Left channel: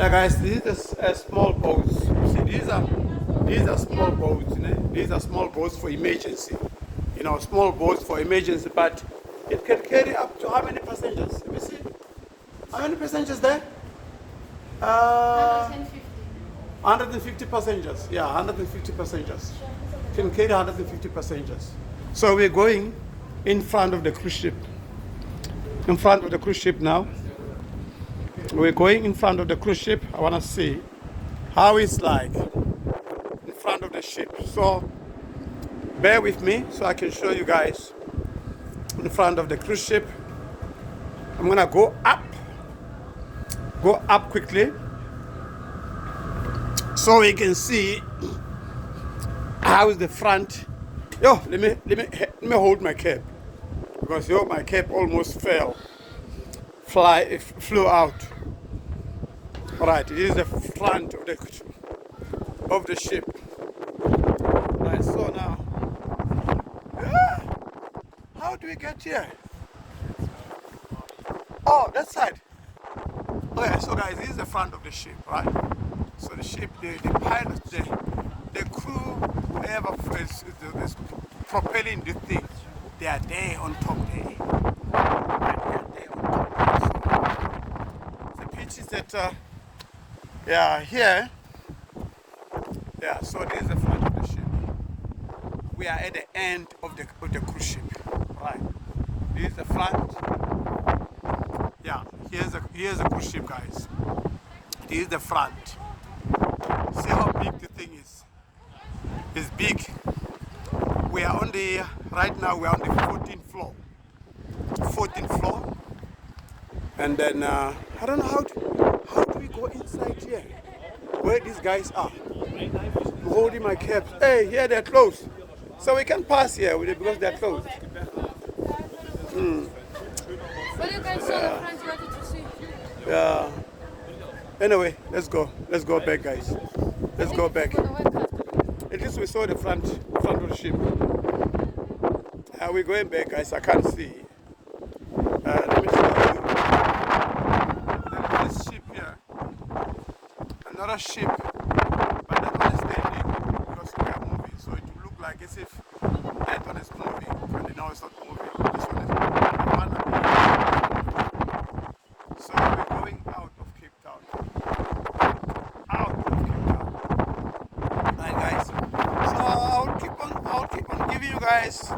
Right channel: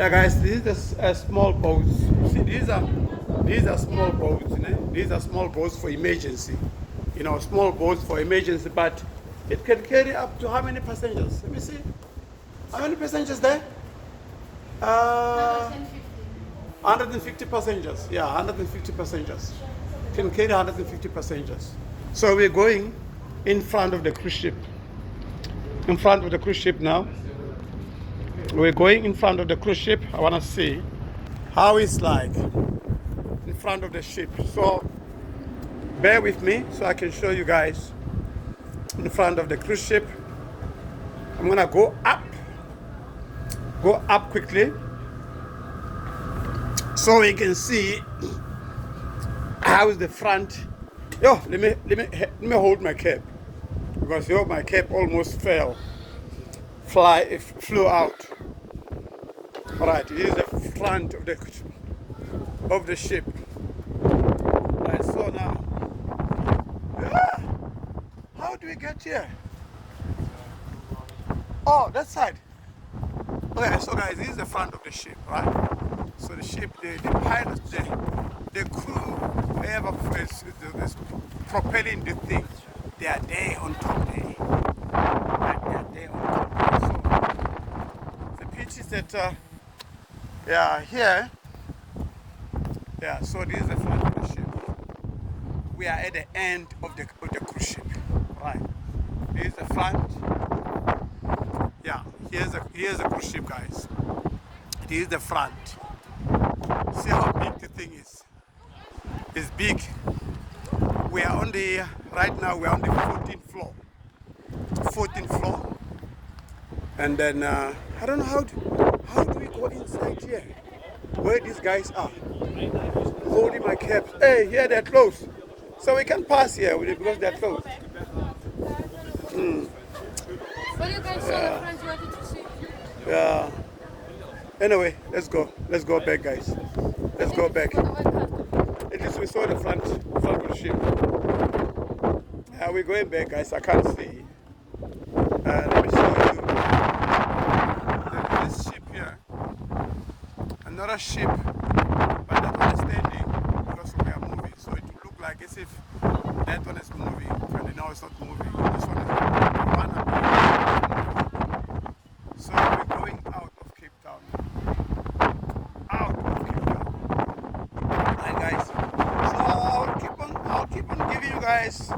Yeah, guys, these are small boats. You see, these are small boats. You know? These are small boats for emergency. You know, small boats for emergency, but it can carry up to how many passengers? Let me see. How many passengers there? 150. 150 passengers. Yeah, 150 passengers. Can carry 150 passengers. So we're going in front of the cruise ship. In front of the cruise ship now. We're going in front of the cruise ship. I want to see how it's like in front of the ship. So bear with me so I can show you guys in front of the cruise ship. I'm gonna go up quickly so we can see how is the front. Yo, let me hold my cap because yo, my cap almost flew out. All right, this is the front of the ship. Right, so now, how do we get here? Oh, that side. Okay, so guys, this is the front of the ship, right? So the ship, the pilots, the crew, whoever is propelling the thing, they are there on top there. Right, they are there on top. So the pitch is that, yeah, here. Yeah, so this is the front of the ship. We are at the end of the cruise ship, right? This is the front. Yeah, here's the cruise ship, guys. This is the front. See how big the thing is? It's big. We are on the right now. We are on the 14th floor. 14th floor, and then I don't know how do we go inside here? Where these guys are? I'm holding my cap. Hey, here they're closed, so we can pass here because they're closed. Well, you guys saw the friends wanted to see. Yeah. Anyway, let's go. Let's go back, guys. Let's go back. At least we saw the front of the ship. We're going back, guys. I can't see. Let me show you. This ship here. Another ship, but that one is standing because we are moving. So it will look like as if that one is moving, and now it's not moving. This one is moving. So we're going out of Cape Town. Out of Cape Town. Alright, guys. So I'll keep on giving you guys